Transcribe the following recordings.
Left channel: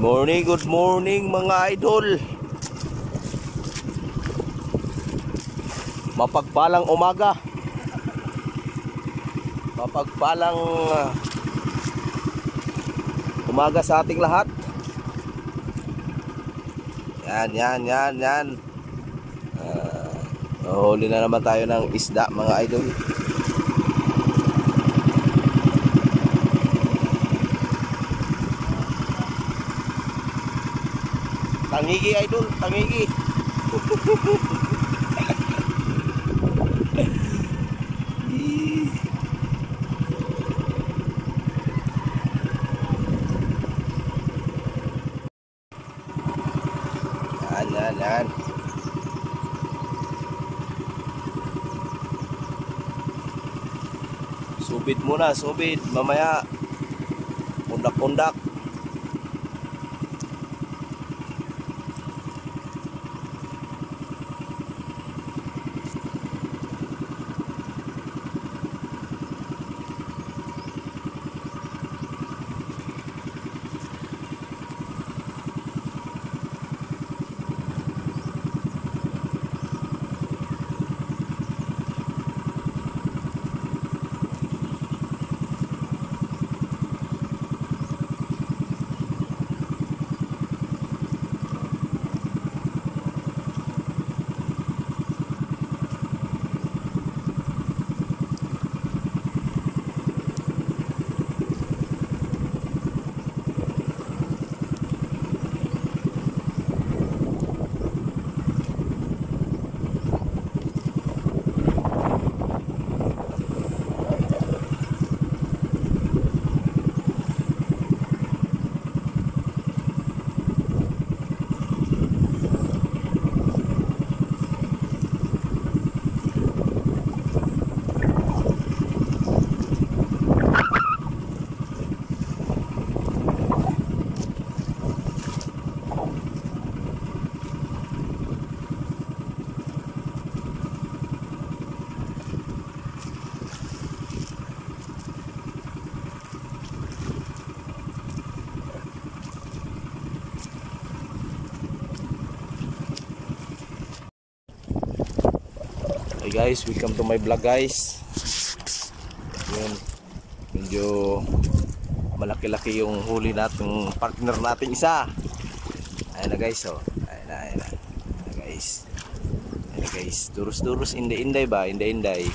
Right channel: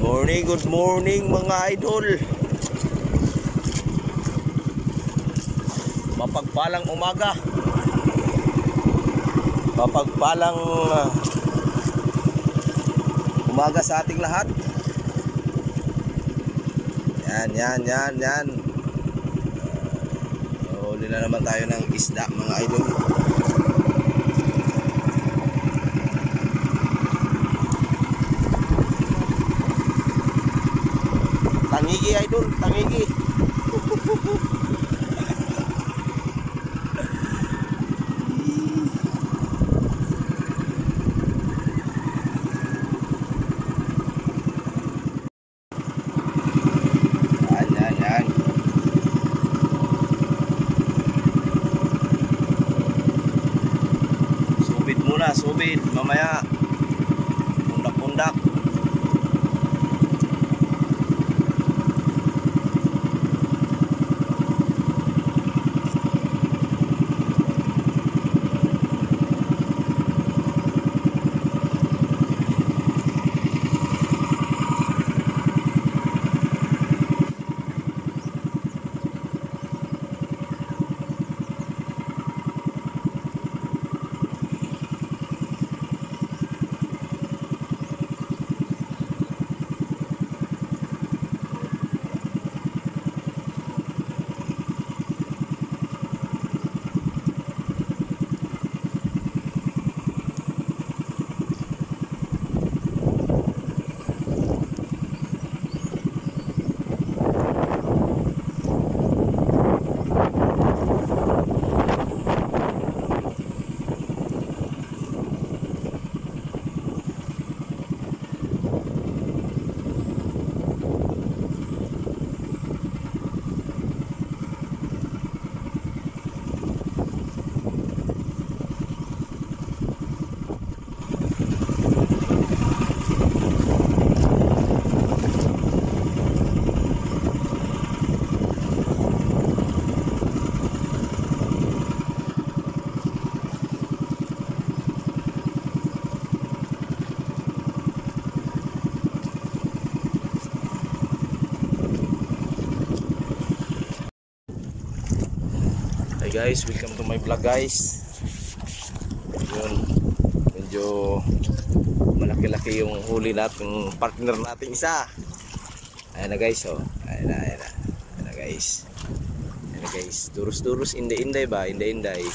Good morning mga idol. Mapagpalang umaga. Mapagpalang umaga sa ating lahat. Yan. Huli na naman tayo ng isda mga idol. Tangigi idol, tangigi. Yan. Subid muna, mamaya pundak-pundak. Hey guys, welcome to my vlog guys. Yun, medyo malaki-laki yung huli natin, partner natin isa. Ayan na guys, oh. Ayan na guys. Turus-turus, inday-inday ba? Inday-inday.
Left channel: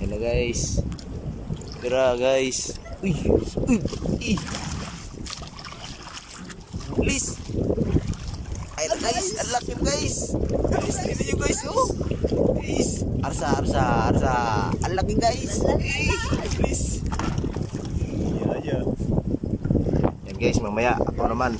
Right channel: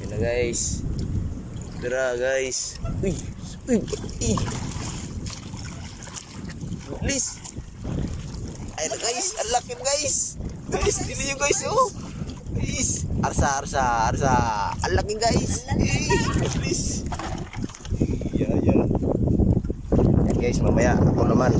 Ayan na guys. Tara guys. Uy. Please. Ayan na guys, ang laki guys. Guys, tingnan nyo guys, oh. Please. Arsa. Ang laki guys. Please. Yeah. Yan guys, mamaya ako naman